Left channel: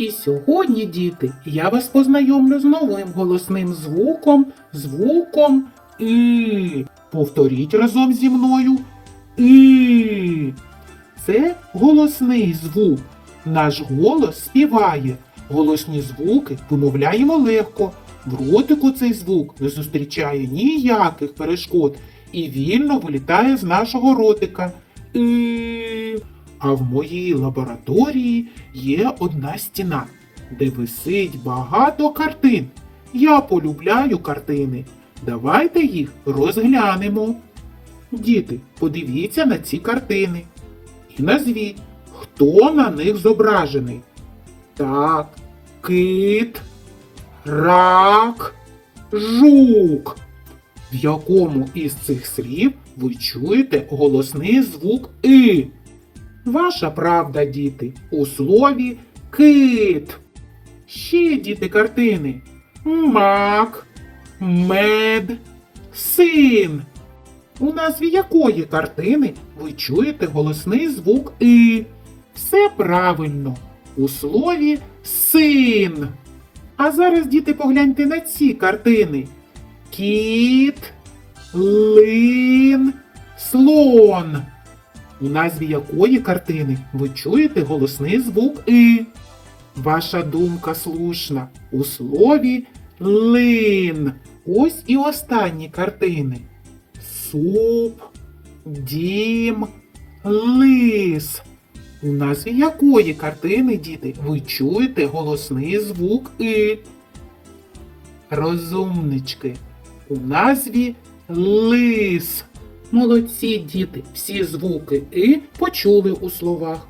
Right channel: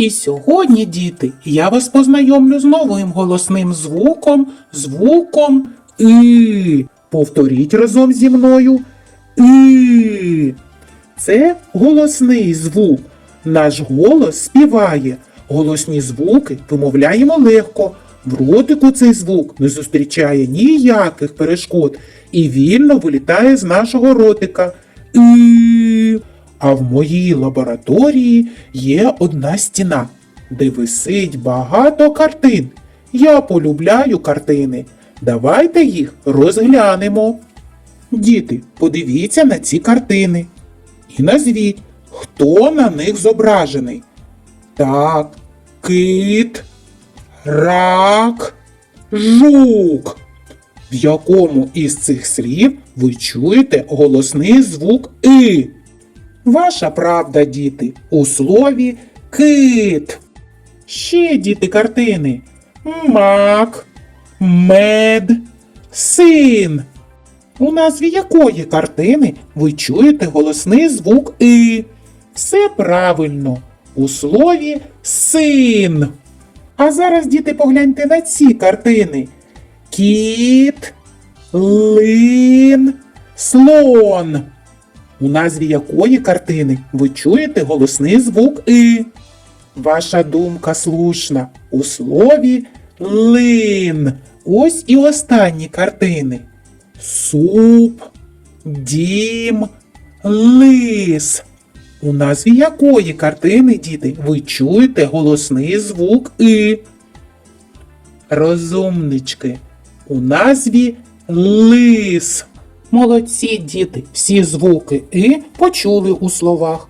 І сьогодні, діти, я вас познайомлю з новим голосним звуком, звуком И. Повторіть разом зі мною И. Це голосний звук. Наш голос співає. Голосні звуки вимовляємо легко. В ротику цей звук не зустрічає ніяких перешкод і вільно вилітає з нашого ротика. И. А в моїй лабораторії є одна стіна, де висить багато картин. Я полюбляю картини. Давайте їх розглянемо. Діти, подивіться на ці картини і назвіть, хто на них зображений. Так, кит, рак, жук. В якому із цих слів ви чуєте голосний звук И? Ваша правда, діти, у слові кит. Ще діти картини. Мак, мед, син. У назві якої картини ви чуєте голосний звук И? Все правильно. У слові син. А зараз, діти, погляньте на ці картини. Кіт, лин, слон. У назві якої картини ви чуєте голосний звук И? Ваша думка слушна. У слові лин. Ось і останні картини. Суп, дім, лис. У назві якої картини, діти, ви чуєте голосний звук И? Розумнички. У назві лис. Молодці діти, всі звуки И почули у словах.